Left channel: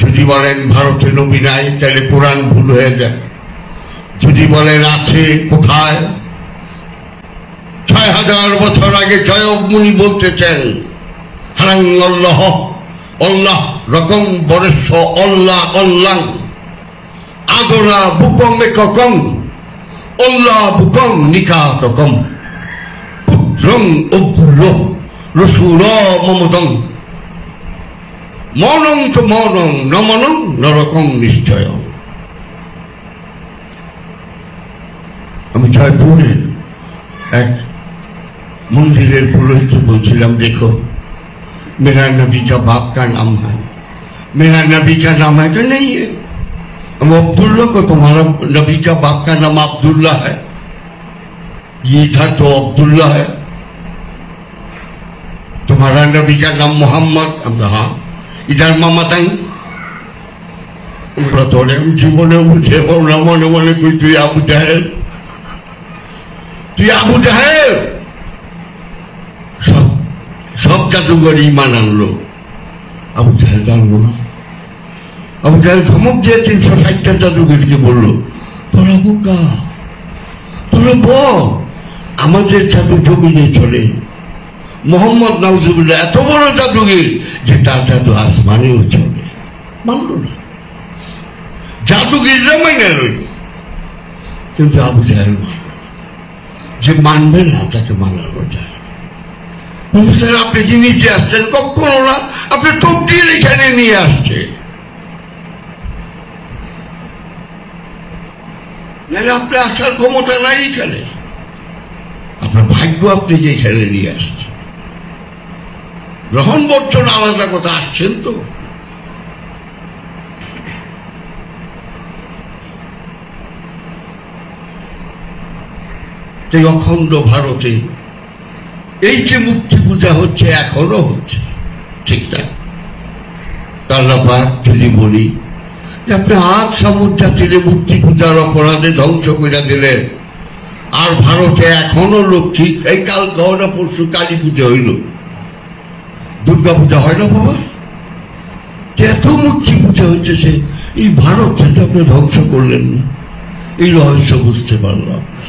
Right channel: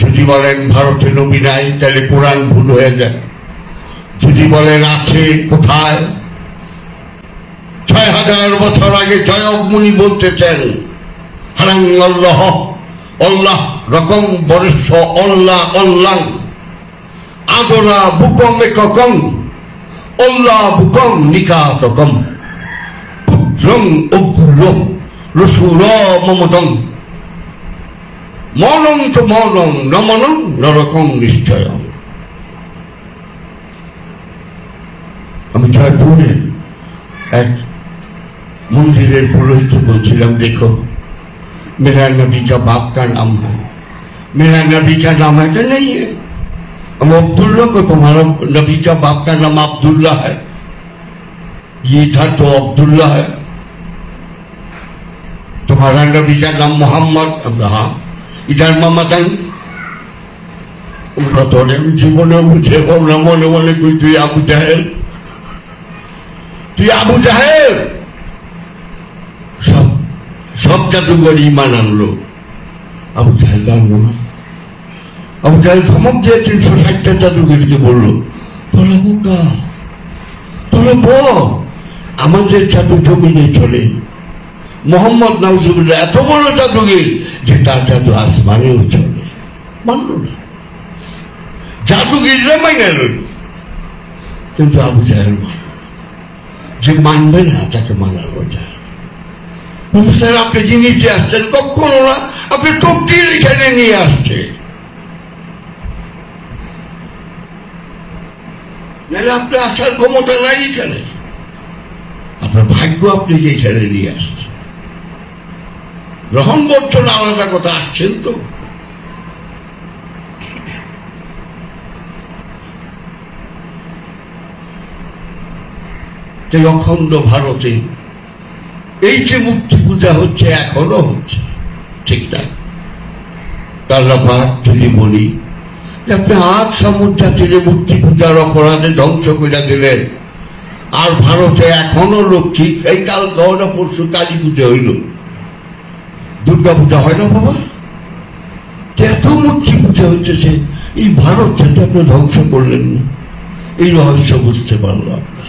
যদি বলেন ভারতে নবী নাই তাহলে কোরআন ভুল হয়ে যায়। যদি বলেন আছে, কোথায়? ৬,০০০ বছর আগে জয়ক মুনি বলতেছেন হারাং আল্লাহ আল্লাহ রকম বরেশ আল্লাহ আল্লাহ আদলা বুকম একম আল্লাহ বুকম নিকাতকম পুত্রং অব্দুল্লাহ রসুল মমতং মৌনং চ মৌনং নমনং নরকং নিশ্চয়। আমি জয়পুরে এক মন্দিরের পুরোহিত বলছিলাম, দেখো मेरा नबी का बाप का नाम है, मेरा नबी का नाम है कि नहीं है? अब अब्दुल्ला को तुम्हारा नबी का बाप का नाम अब्दुल्ला है, ये था तो अब्दुल्ला है। तुम्हारा नबी का नाम मोहम्मद। अब हाँ, इधर ममतन उनका थोड़े जीवने मुझे मने मने कोई तु आबू जाहेर, तु आबू जाहेर सब জাদুঘর ইমান আনলো। আবু জাহেল জানলো না। আবু জাহেল ধমক দিয়ে ৩৬০টা জাদুঘরকে বললো, তোরা বোকা, তোরা বল আমাদের জাদু জমিনে চলে। মোহাম্মদ নাউজুবিল্লাহ এত বড় জাদুঘর যে তার জাদু আসমানেও চলে। মানল না, জাদুঘররা মাইনে রইল। কিন্তু আবু জাহেল যে মানবে না তাকে মানানো যায়। স্যার আপনি কি নিচে আসছেন? কখনো না, আপনি তকদির এখানে নিয়ে আসছে, নাহলে আপনি আসার ক্ষমতা নাই এখানে। আপনার ভাগ্য আপনি যে এখানে নিয়ে আসছেন। গ্রহণ বর্ষণ আলাদা কথা, আসছেন তো। এই অখণ্ড ভারতে এই যে মুক্তি পূজা হচ্ছে, এখনো হচ্ছে, ঠিক না? আল্লাহ যদি বলি যে আপনি আজ সামুদ্রাতীরে মূর্তি পূজার অপরাধে ধ্বংস করে দিলেন, আর ভারতে এখনো লক্ষ্মী, এই কাল গহনা পরশু কালী পূজা হইল, দুর্গা পূজা হয় না বাবা? এত মূর্তি পূজা হচ্ছে, এই ভারত যেটা আপনি ধ্বংস করলেন না, এই রহস্য বুঝতে পারলো আপনার।